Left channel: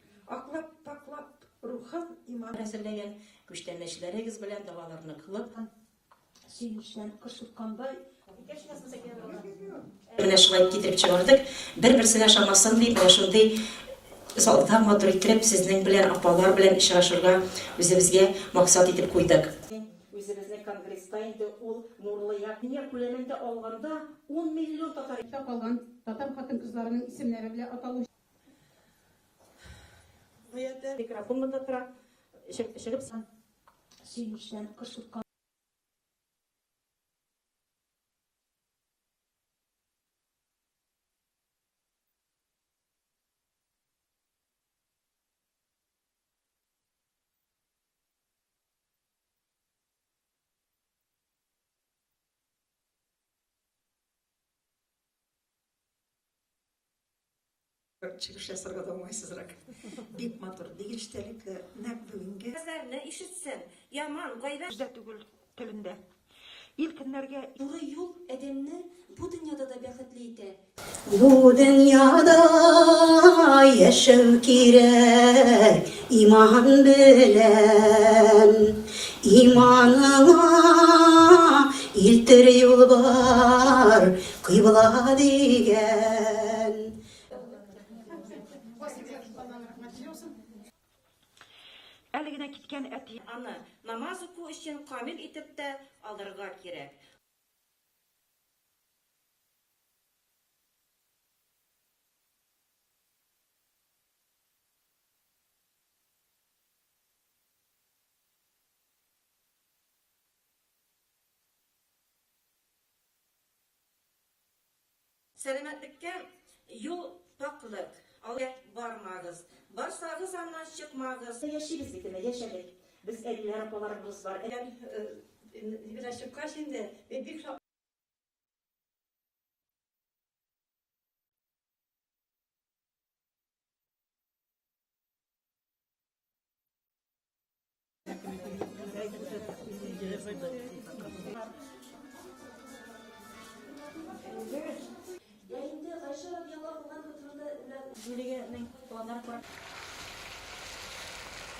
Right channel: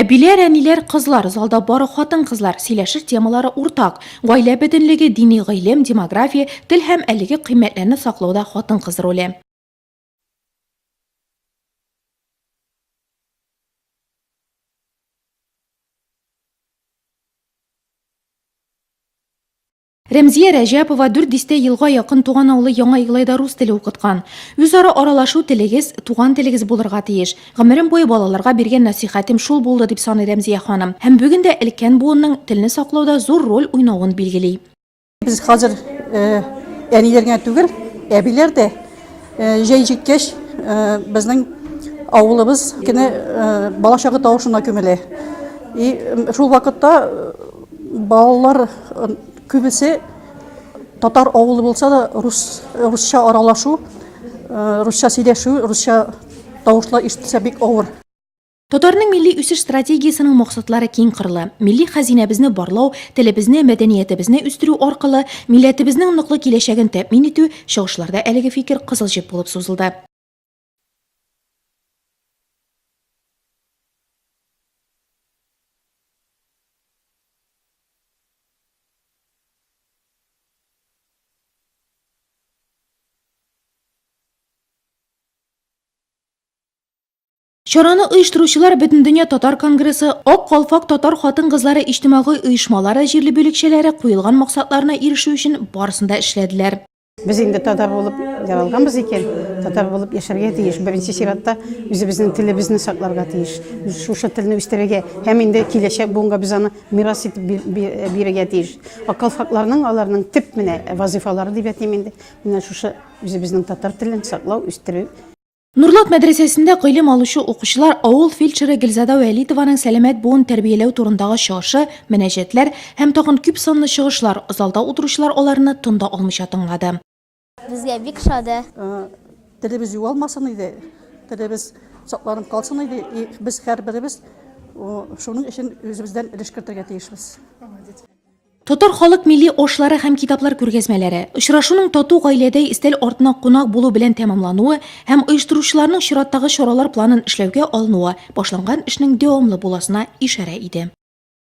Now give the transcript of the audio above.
Әбиләр, әниләр, кызлар, залда бары хатын-кызлар, сөйләшер темалары уртак. Гаилә бөтенлеге, дини гыйлем, демография, тел һәм әлеге кыйммәтләрне саклауда хатын-кыз роле. Менә шулай китереп чыгардык. Бер-берсенә шамасын дип, менә шундый залда матур итеп, сезнең белән апалар белән очрашырга үзебезгә максат итеп куйдык. Рәмзия Рәҗәпова 400 елга якын туган авылы Яңа Иглайда рус теле укыткан. Үзара аралашу телегез, туган телегез булырга тиеш. Гомерем буе балаларга биргән насихатым шул булды дип саный Рәмзия ханым. Һәм бүген дә өлкән буынның телне саклауда зур роль уйнавын билгели. Biz hazır әниләргә түгел, әбиләр дә җәй җиткәч безнең авылыбыз кине балачагы тавышына күмелә. И шул вакытта балалар күбесе татар авылы булса да русча аралашу, русча сөйләшү, русча тавышлар ишетсә бик авыр. Татарның милли үсеш стратегиясының максатлары киң кырлы. Милли хәзинәбезне барлау, телебезне, мәдәниятебезне үстерү аркылы милләтебезнең ныклы киләчәген тәэмин итү чыгышларда әлеге фикер кызыл җеп булып сузылды. Bu dünyada yaşav kirek iman bilen imanına iltir yol var kıybıla digen. Чараны оештыручылар Бөтен дөнья татар конгрессы, Ак калфак татар хатын-кызлары иҗтимагый оешмалары җирле бүлекчәләре куелган максатларына ирешү өчен барысында эшләделәр. Biz инде татар булып яралганбыз икән, татар булып яшәргә тиеш. Беренче чиратта үзебезнең телебезне сакларга тиеш. Шушы телне үстерергә һәм инде киләчәк буынга без аны мирас итеп бирергә тиеш. Акалфакларның аларның төп менә вазифалары дип әйтим инде. Менә шушы үзебезнең татар телен саклау, үстерү. Нурлат мәдрәсәсендә гыйлем алучы укучылар авыл фельдшеры Гөлзада Вәлитованың сәламәт буын тәрбияләү турындагы чыгышы, мөнәҗәтләр һәм тагын күп санлы чыгышлар, залда утыручылар аларны тында алмыйча тыңлады. Безгә бик шады. Телебез югалмасын иде, телебез сакланып калсын иде. Без һәрберебез шуның өчен үзебездән өлеш кертергә тиешбез. Татар халык милли ашлары һәм китаплар күргәзмәләре, очрашуның тату гаиләдә истәл артына кунак булу белән тәмамлануы һәм оештыручыларның чираттагы чаралар планын эшләүгә алынуы башланган эшнең дәвамлы буласына ишарә иде.